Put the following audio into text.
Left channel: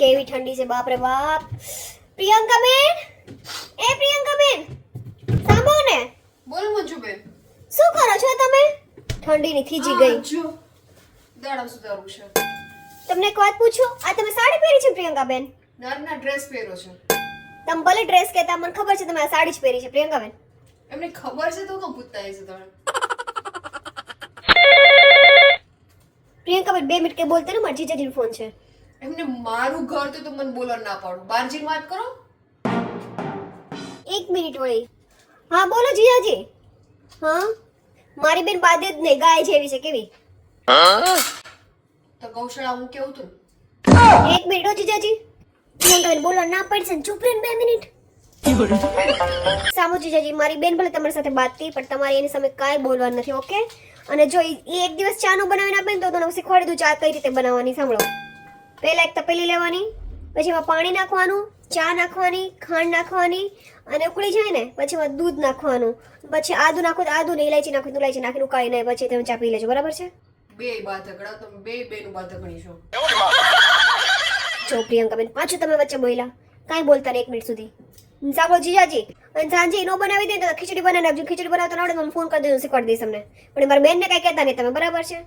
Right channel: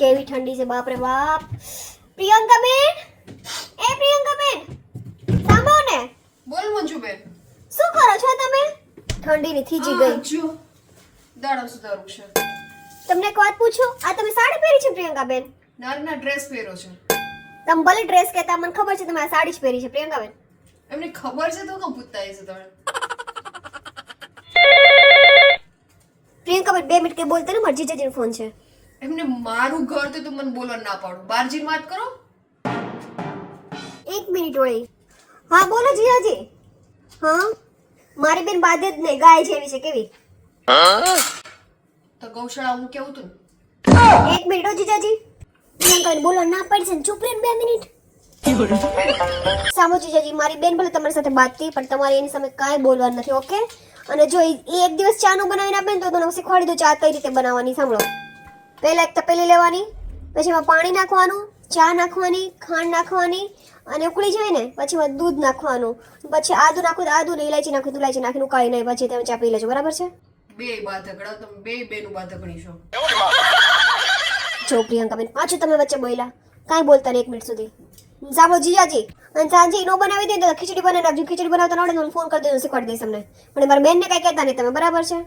કેવી ઠંડી છે? બાપ રે બાપ. પ્રિયંકા બેન? એ પ્રિયંકા બેન સાંભળો ને. બોલ મંજુબેન શું કરો છો તમે? ઠંડીની થીજી ગઈ. જો. દાડા સુધારું છે. તમને એક વાત પૂછો? આ તમે સાડી પહેરી છે પ્રિયંકા બેન? નારના ડ્રેસ પહેરો છે. તમે ભલે ડ્રેસ કહેતા મને ખબર છે તમે આ સાડી જ પહેરી છે પ્રિયંકા બેન. એમને ખબર છે તો કેમ પૂછતા હશે તમે? પ્રિયંકા બેન બે મિનિટ કે બોલતા ને મરજી જીજાજીનો ફોન છે. એમને મારું ઘર તો તું મને બોલવા ના પાડું. બાર જઈને વાત કરો? એક મિનિટ વળી. હા બોલો જીજાજી હા? મારી બેન બાદ જ નહીં ગાય જેવી છે કેવી? તો ગૌશાળા હું કેવું તું? એક મિનિટ હો જીજાજી. પ્રિયંકા બોલો ના પડશે ને. ચૂપ રહે બે મિનિટ. સામો જીજાજી મારી બેન ભલે તમારી સાથે વાત થઈ પણ તમારે એની સામે કાંઈ બોલવાનું નથી ઓકે? અને જો એ એક દિવસ ચાનું બનાવીને આપે ને તો તમને શીખવાડી દઉં ચા કઈ રીતે બનાવવાની સાંભળો. પહેલા એક તપેલી લેવાની પછી એમાં પાણી નાખવાનું ચા નાખવાની ખાંડ નાખવાની અને ઉકળી જાય ને પછી એમાં દૂધ નાખવાનું. પછી આદુ નાખો તો આદુ ને ઇલાયચી નાખો તો ઇલાયચી નાખીને ઉકાળી નાખી પછી તમે ચા પી લેજો બરાબર છે? બે બાધકડા તમે બે બેનું જો પાછું તમે વચ્ચે બોલ્યા. કાંઈ બોલતા નહીં એક મિનિટ સુધી. સાંભળો જીજાજી અને સાંજે નો બનાવી દે તો ખીચડી બનાવી નાખજો. ખીચડી બનાવતા નડે તો ફોન કરી દેજો શીખવાડી દઈશ તમને. પણ મારી બેનને કાંઈ કહેતા નહીં તમે બરાબર છે?